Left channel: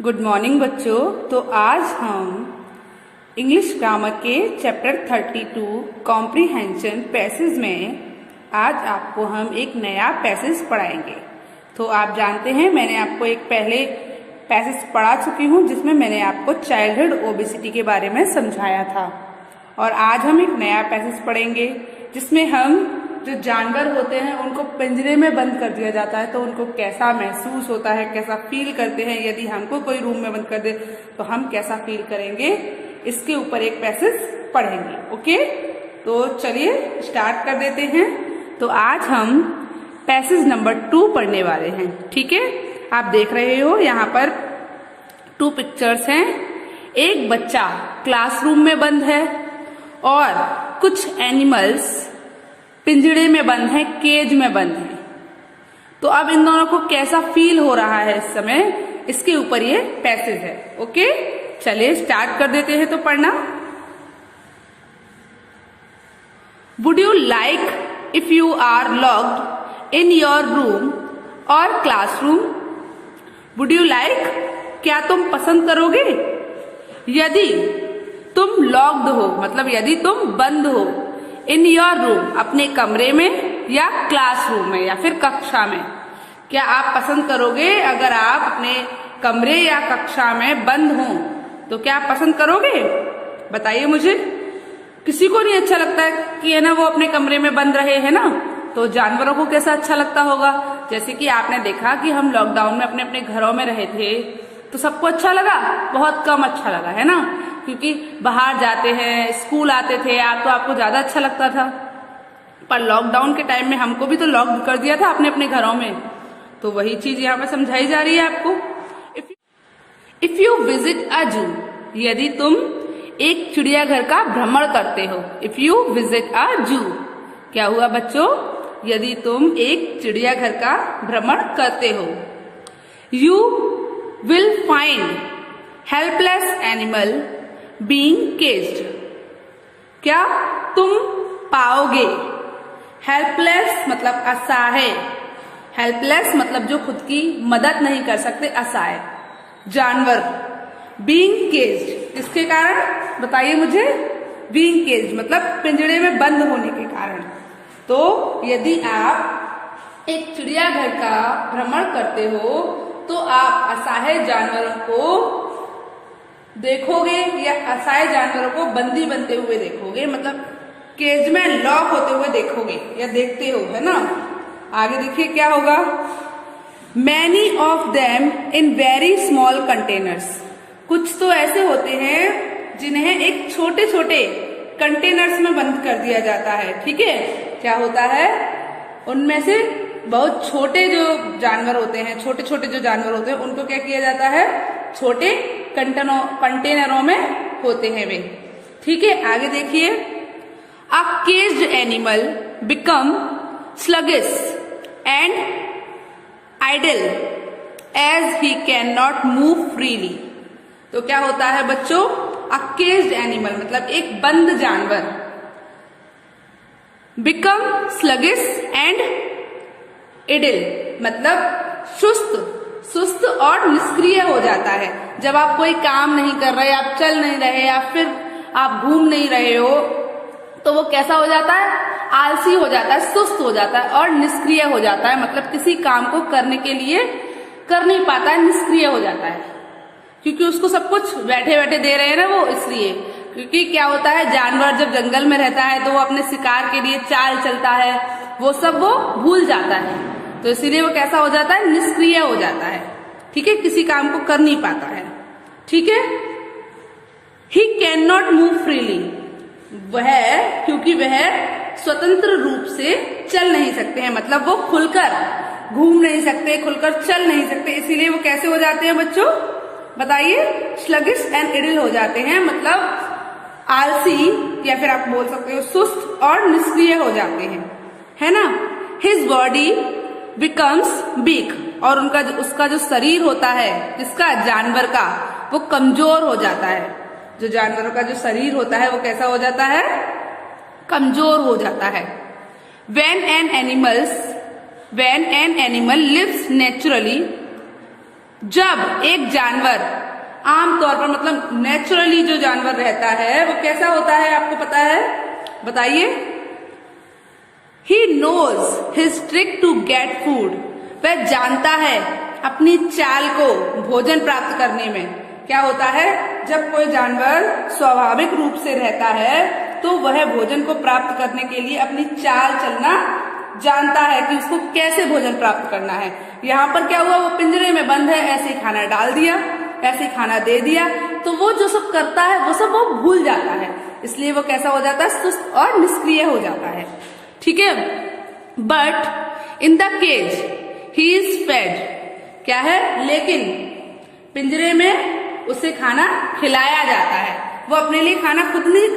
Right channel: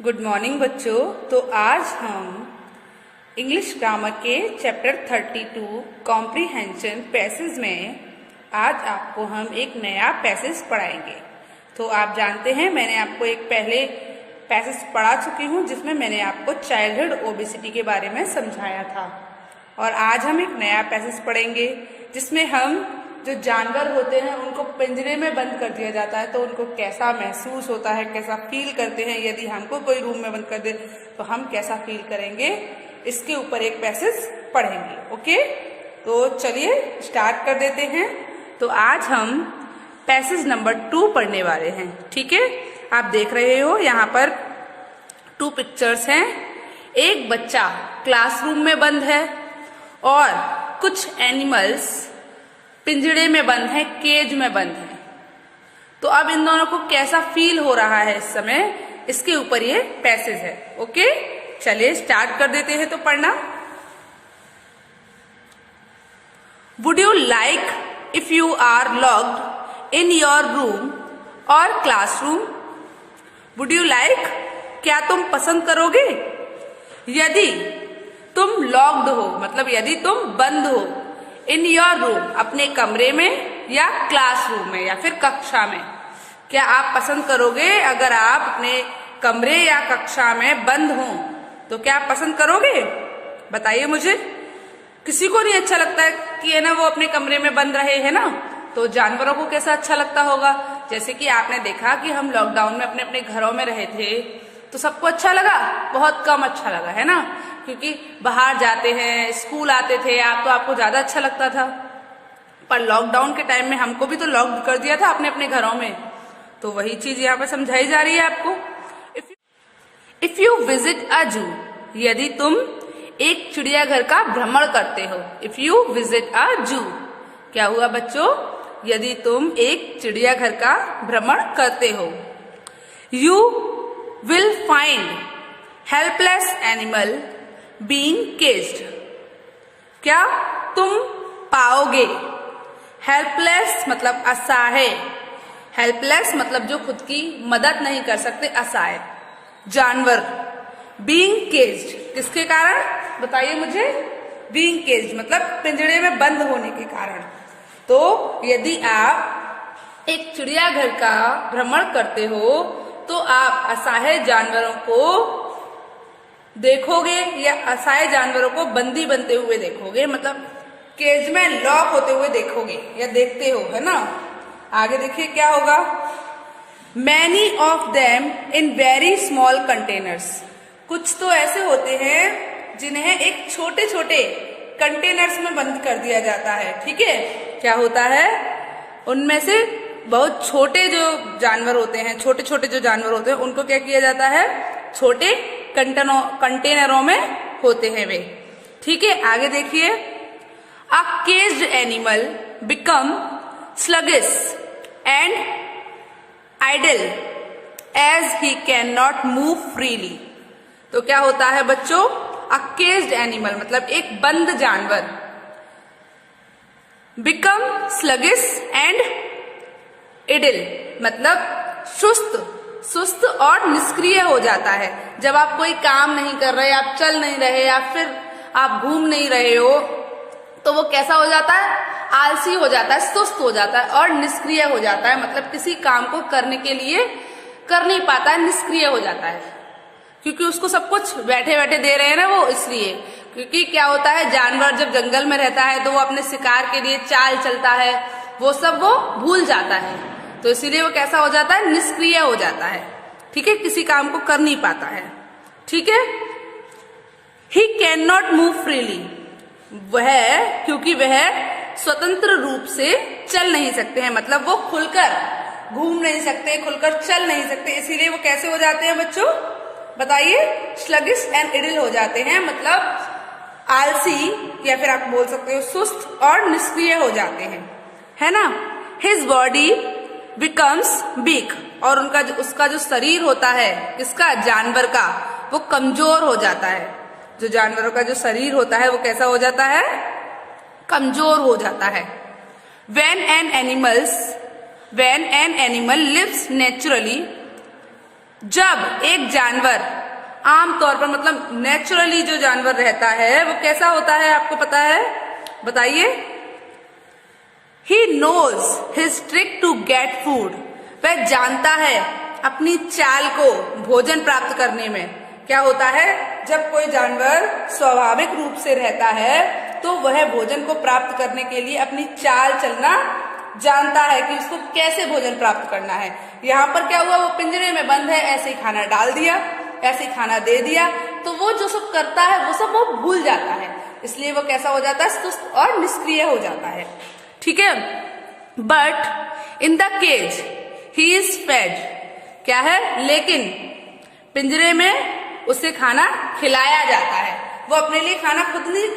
Good morning बच्चों। तो आज हम इंग्लिश ग्रामर के चैप्टर 32 कॉम्प्रीहेंशन पैसेज में आज आपको हम एक नया पैसेज पढ़ाएंगे। तो आप जानते हैं मैंने आपको एक पहले पैसेज पढ़ा चुकी हूँ जिसमें मैंने आपको चाइल्डहुड ओबेसिटी के बारे में समझाया था। और आज हम एक नया पैसेज पढ़ेंगे जिसमें हम जो जानवर होते हैं उनको पिंजरे में बंद कर दिया जाता है तो उनको कैसा महसूस होता है, कैसा फील करते हैं। यदि हमको कोई रूम में बंद कर दे तो हम कैसा फील करेंगे, इसके ऊपर एक पैसेज पढ़ेंगे। ओके, तो चलिए स्टार्ट कर देते हैं। तो आज हम पैसेज नंबर 2 पढ़ने वाले हैं। ठीक है, आप देख रहे हो यहाँ पर 2 पिक्चर्स हैं। एक बच्चा क्लासरूम में बंद है और कुछ एनिमल्स पिंजड़े में बंद है, केज में बंद है। तो अब इन दोनों को कैसा फील हो रहा है इस समय, इसके ऊपर ये पैसेज है। ओके, चलिए स्टार्ट कर देते हैं। तो पढ़ना। Would you like if you are locked in your room or classroom? Would you like, क्या तुम पसंद करोगे यदि तुम लॉक्ड हो, मतलब यदि तुम बंद हो, इन योर रूम, अपने कमरे में या क्लासरूम में या फिर कक्षा में। क्या आप पसंद करोगे अगर आप अपने कमरे या कक्षा में बंद हो तो क्या आप पसंद करोगे? बताइए मुझे। किसी को नहीं अच्छा लगता है कि है ना वो अपने कमरे में बंद रहे, है ना। तो जानवरों को कैसा अच्छा लगता होगा। जैसे कि आपने देखा कि हम लॉकडाउन में अपने अपने घरों में रहे थे तो सबको अच्छा लगा, बहुत कम अच्छा लगा, है ना। क्योंकि बाहर जाते हैं, स्कूल आते थे आप तो आपको ज्यादा अच्छा लगता था। पर लॉकडाउन के टाइम में हमको भी तो लॉक कर दिया था अपने अपने घरों में। तो वही चीज यहाँ पर समझाई जा रही है आपको। इफ यू विजिट अ जू, यदि तुम एक चिड़ियाघर का भ्रमण करते हो। इफ यू विजिट अ जू, क्या हुआ बच्चों, यदि तुम एक चिड़ियाघर का भ्रमण करते हो। You will find helpless animal being caged, क्या तुम पाओगे। हेल्पलेस मतलब असहाय, हेल्पलेस मतलब जो खुद की मदद नहीं कर सकते, असहाय जानवर। बीइंग केज्ड किसके कारण, बताइए मुझे। बीइंग केज्ड मतलब पिंजड़े में बंद होने के कारण। तो यदि आप एक चिड़ियाघर का भ्रमण करते हो तो आप असहाय जानवरों को देखोगे या असहाय जानवरों को बंदी बनते हुए देखोगे, मतलब केज में लॉक होते हुए देखोगे या देखते हो, है ना। आगे देखिए क्या होगा। Many of them in very small containers, कुछ तो ऐसे होते हैं जिन्हें एक छोटे छोटे कंटेनर्स में बंद कर दिया जाता है। ठीक है, क्या होता है, उनमें से बहुत छोटे जो जानवर होते हैं, छोटे छोटे जो जानवर होते हैं उनको क्या किया जाता है, छोटे कंटेनरों में होते हैं वे। ठीक है, आगे देखिए। A caged animal become sluggish and idle as he can not move freely. तो क्या होता है बच्चों, अ केज्ड एनिमल मतलब एक बंद जानवर, बिकम स्लगिश एंड इडिल मतलब सुस्त और निष्क्रिय हो जाता है। जब आप कोई काम नहीं कर रहे, आप चल नहीं रहे या फिर आप घूम नहीं रहे हो तो वो कैसा हो जाता है, आलसी हो जाता है, सुस्त हो जाता है और निष्क्रिय हो जाता है। मतलब किसी काम को करने के लिए कर नहीं पाता है, निष्क्रिय हो जाता है। क्योंकि उसको सब कुछ बैठे बैठे दे रहे हैं ना वो, इसलिए। क्योंकि क्या होता है, जानवर जब जंगल में रहता है तो वो अपने शिकार के लिए चाल चलता है, वो सब वो भूल जाता है। तो इसीलिए वो कैसा हो जाता है, निष्क्रिय हो जाता है। ठीक है, किसी काम को कर नहीं पाता है। ठीक है। ही कैन नॉट मूव फ्रीली, वह क्योंकि वह स्वतंत्र रूप से चल नहीं सकते हैं, मतलब वो खुलकर घूम नहीं सकते, खुलकर चल नहीं सकते। इसीलिए वो कैसे हो जाते हैं बच्चों, बताइए, स्लगिश एंड इडिल हो जाते हैं, मतलब आलसी या फिर आप बोल सकते हो सुस्त और निष्क्रिय हो जाते हैं, है ना। हिज बॉडी बिकम्स वीक, और उसका जो शरीर होता है, किसका, जानवर का, वो कमजोर हो जाता है। जो जानवरों का जो शरीर होता है वो कैसा हो जाता है, कमजोर हो जाता है। When an animal lives naturally जब एक जानवर आमतौर पर मतलब नेचुरली जो जानवर रहता है वो कैसा होता है, आपको पता है, बताइए। He knows his trick to get food. वह जानता है अपनी चाल को भोजन प्राप्त करने में। क्या होता है, जब कोई जानवर स्वाभाविक रूप से रहता है तो वह भोजन को प्राप्त करने के लिए अपनी चाल चलना जानता है कि उसको कैसे भोजन प्राप्त करना है। यहाँ पर क्या हुआ, वो पिंजरे में बंद है, ऐसे ही खाना डाल दिया, ऐसे ही खाना दे दिया, तो वो जो सब करता है वो सब वो भूल जाता है, इसलिए वो कैसा हो जाता है, सुस्त और निष्क्रिय हो जाता है। ठीक है। But in the cage he is fed, क्या है, लेकिन पिंजरे में उसे खाना खिलाया जाता है। वो अपने लिए खाना खुद नहीं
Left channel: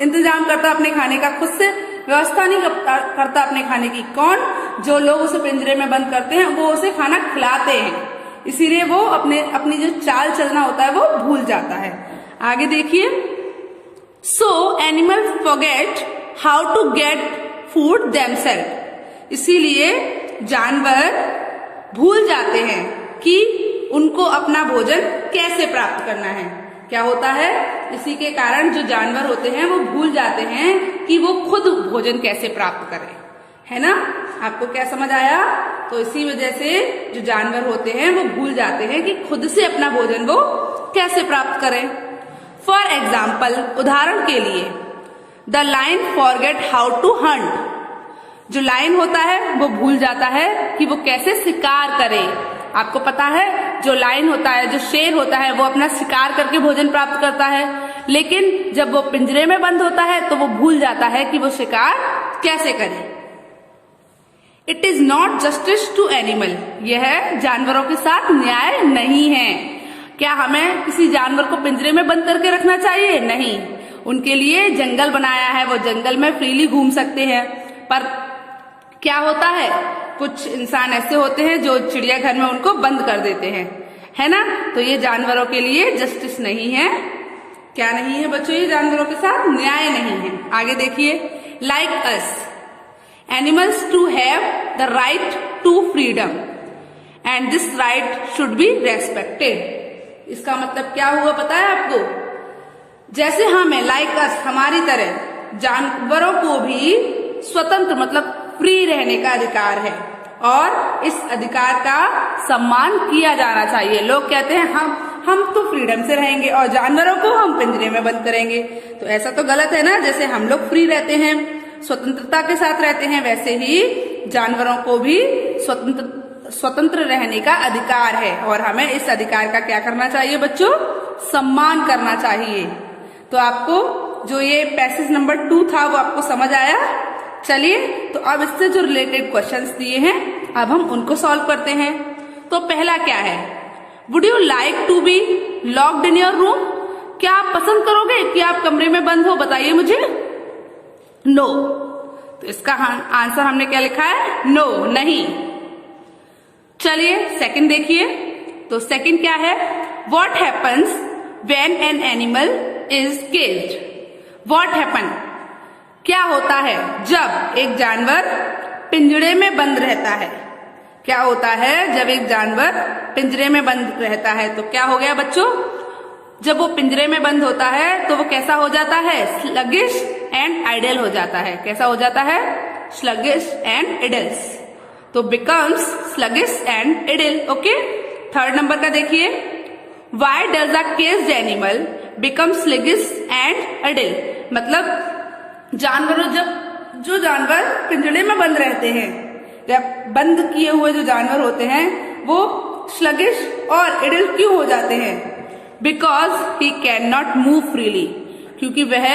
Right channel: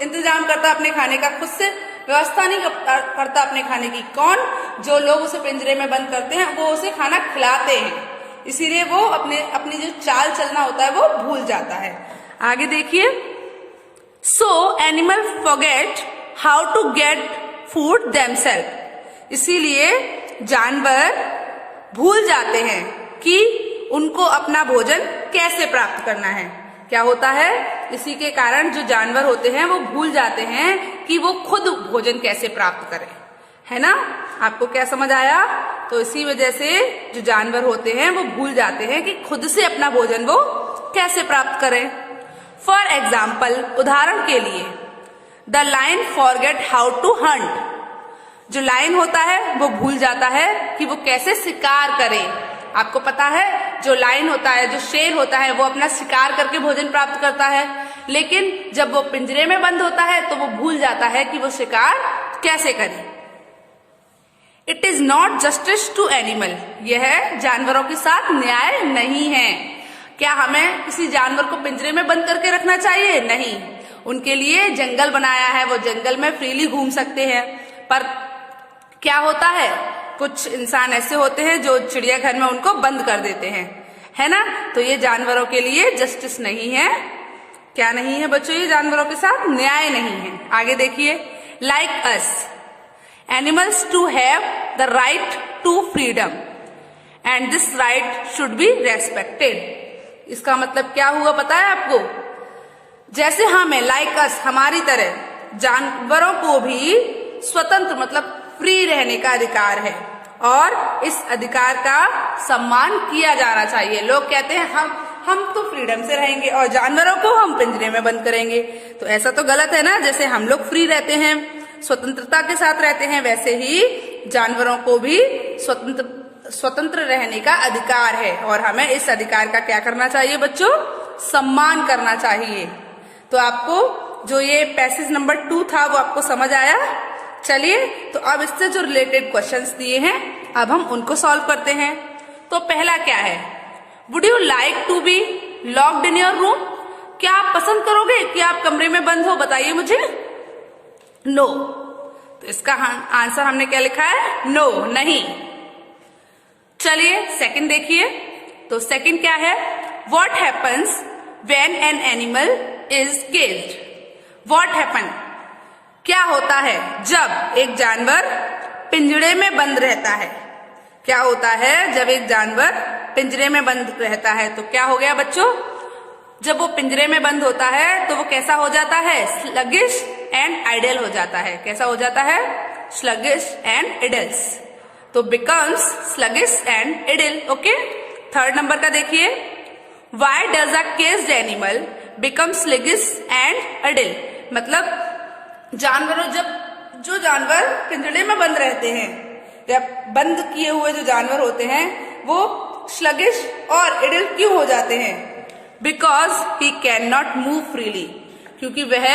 इंतजाम करता, अपने खाने का खुद से व्यवस्था नहीं करता अपने खाने की। कौन, जो लोग उसे पिंजरे में बंद करते हैं वो उसे खाना खिलाते हैं, इसीलिए वो अपनी जो चाल चलना होता है वो भूल जाता है। आगे देखिए, so animal forget how to get food themself, इसीलिए जानवर भूल जाते हैं कि उनको अपना भोजन कैसे प्राप्त करना है। क्या होता है, इसी के कारण जो जानवर होते हैं वो भूल जाते हैं कि वो खुद भोजन कैसे प्राप्त करें, है ना। आपको क्या समझ आया, तो इसी वजह से जो जानवर होते हैं वो भूल जाते हैं कि खुद से अपना भोजन वो कैसे प्राप्त करें। फॉर एग्जाम्पल, उदाहरण के लिए, the lion forget how to hunt, जो लायन होता है वो भूल जाता है कि वो कैसे शिकार करे। आपको पता है, जो लायन होता है, जो शेर होता है, वो अपना शिकार करके भोजन प्राप्त करता है, लेकिन जब वो पिंजरे में बंद होता है तो वो भूल जाता है कि वो शिकार कैसे करे। It is not justice to animal, यह जानवरों के साथ न्याय नहीं है। क्या हमें किसी जानवर को पिंजरे में बंद करके रखना चाहिए? नहीं, उनके लिए जंगल बनाया है, वो जंगल में फ्रीली घूम सकते हैं। पर क्या होता है, कुछ इंसान ऐसे होते हैं जो चिड़ियाघर में उनको बंद कर देते हैं, है ना। तो ये जानवरों के लिए जस्टिस नहीं है। क्या नहीं है बच्चों, ये जानवरों के साथ न्याय नहीं है। आगे देखिए, like us animals to have the right to freedom and this right should be respected. इसका मतलब क्या हुआ पता है आपको, जैसे हमें, लाइक अस, हमारी तरह जानवरों को भी स्वतंत्र मतलब फ्री रहने का अधिकार है और इस अधिकार का सम्मान किया जाना चाहिए। लोग कहते हैं हम तो फ्रीडम से रहेंगे और जानवरों को हम पिंजरे में बंद करेंगे, तो ऐसा तो गलत है ना। जैसे हम लोग फ्री रहते हैं, स्वतंत्रता के साथ रहते हैं, वैसे ही जानवरों को भी स्वतंत्र रहने का अधिकार है और हमें इस अधिकार का क्या करना चाहिए बच्चों, सम्मान करना चाहिए। तो आपको जो ये पैसेज नंबर 2 था वो आपको समझ आया। चलिए, तो अब इससे जो रिलेटेड क्वेश्चंस दिए हैं अब हम उनको सॉल्व करते हैं। तो पहला क्या है, would you like to be locked in your room, क्या आप पसंद करोगे कि आप कमरे में बंद हो, बताइए मुझे। नो, तो इसका आंसर हमने क्या लिखा है, नो, नहीं। चलिए सेकंड देखिए, तो सेकंड क्या है, what happens when an animal is caged. What happen, क्या होता है जब एक जानवर पिंजरे में बंद रहता है। क्या होता है जब एक जानवर पिंजरे में बंद रहता है, तो क्या हो गया बच्चों, जब वो पिंजरे में बंद होता है तो वो कैसा हो जाता है, स्लगिश एंड आइडल हो जाता है। कैसा हो जाता है, स्लगिश एंड इडल्स, तो becomes sluggish and idle. Okay, third number का देखिए, why does a caged animal become sluggish and idle, मतलब जानवरों, जो जानवर पिंजरे में बंद रहते हैं, जब बंद किए हुए जो जानवर होते हैं वो स्लगिश और इडल क्यों हो जाते हैं, because he can not move freely, क्योंकि वह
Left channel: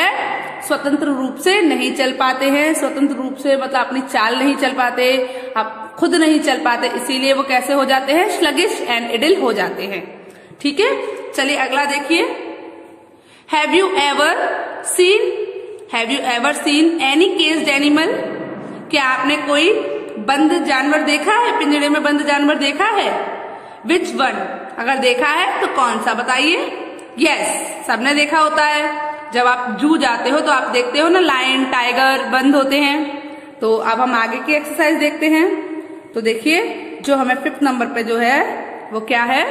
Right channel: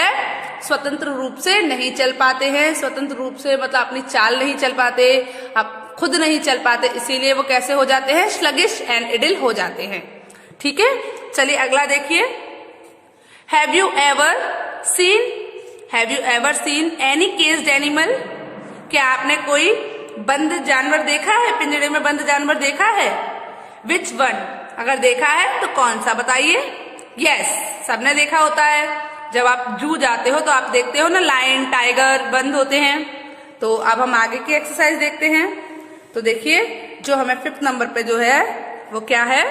स्वतंत्र रूप से नहीं चल पाते हैं। स्वतंत्र रूप से मतलब अपनी चाल नहीं चल पाते, आप खुद नहीं चल पाते, इसीलिए वो कैसे हो जाते हैं, स्लगिश एंड इडल हो जाते हैं। ठीक है, चलिए अगला देखिए, have you ever seen any caged animal, क्या आपने कोई बंद जानवर देखा है, पिंजरे में बंद जानवर देखा है। विच वन, अगर देखा है तो कौन सा बताइए। यस, सबने देखा होता है, जब आप जू जाते हो तो आप देखते हो ना, लायन टाइगर बंद होते हैं। तो अब हम आगे की एक्सरसाइज देखते हैं। तो देखिए, जो हमें 5th नंबर पे जो है वो क्या है?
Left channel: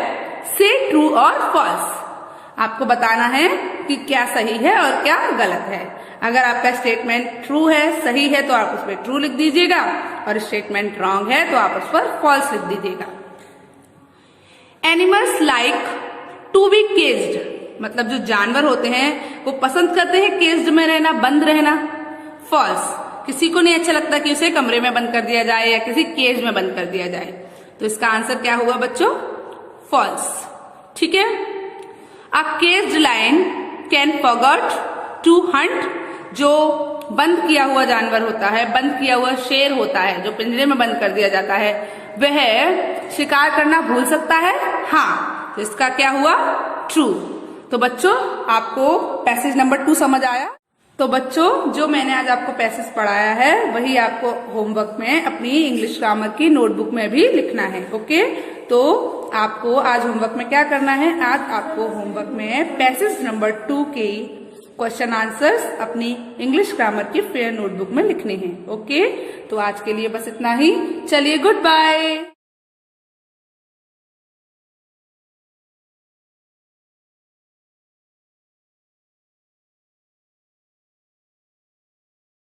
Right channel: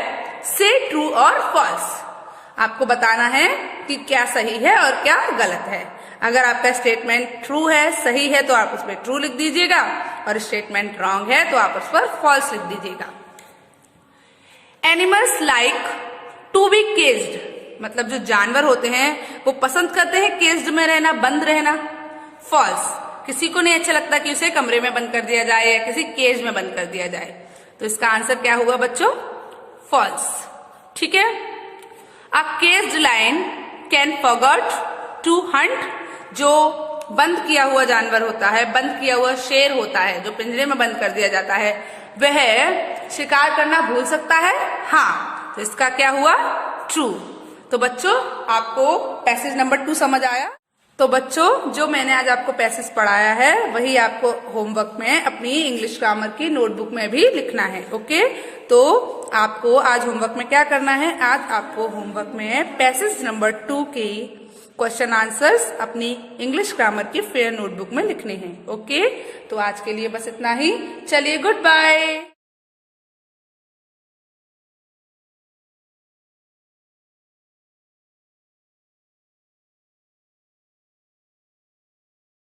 से ट्रू और फॉल्स। आपको बताना है कि क्या सही है और क्या गलत है। अगर आपका स्टेटमेंट ट्रू है, सही है, तो आप उस पर ट्रू लिख दीजिएगा और स्टेटमेंट रॉन्ग है तो आप उस पर फॉल्स लिख दीजिएगा। Animals like to be caged, मतलब जो जानवर होते हैं वो पसंद करते हैं केज्ड में रहना, बंद रहना। फॉल्स, किसी को नहीं अच्छा लगता कि उसे कमरे में बंद कर दिया जाए या किसी केज में बंद कर दिया जाए। तो इसका आंसर क्या हुआ बच्चों? फॉल्स। ठीक है। A caged lion can forgot to hunt, जो बंद किया हुआ जानवर होता है, बंद किया हुआ शेर होता है, जो पिंजरे में बंद कर दिया जाता है, वह शिकार करना भूल सकता है। हाँ, तो इसका क्या हुआ? ट्रू। तो बच्चों आपको पैसेज नंबर 2 समझ आया? तो बच्चों जो मैंने आज आपको पैसेज पढ़ाया है वही आपको होमवर्क में अपनी इंग्लिश ग्रामर की नोटबुक में भी लिखना है। ओके, तो आपको आज होमवर्क में क्या करना है? आज आपको होमवर्क में पैसेज नंबर 2 की क्वेश्चन आंसर्स अपनी इंग्लिश ग्रामर की फेयर नोटबुक में लिखने हैं। ओके, तो आज के लिए बस इतना ही। चलिए, गुड बाय।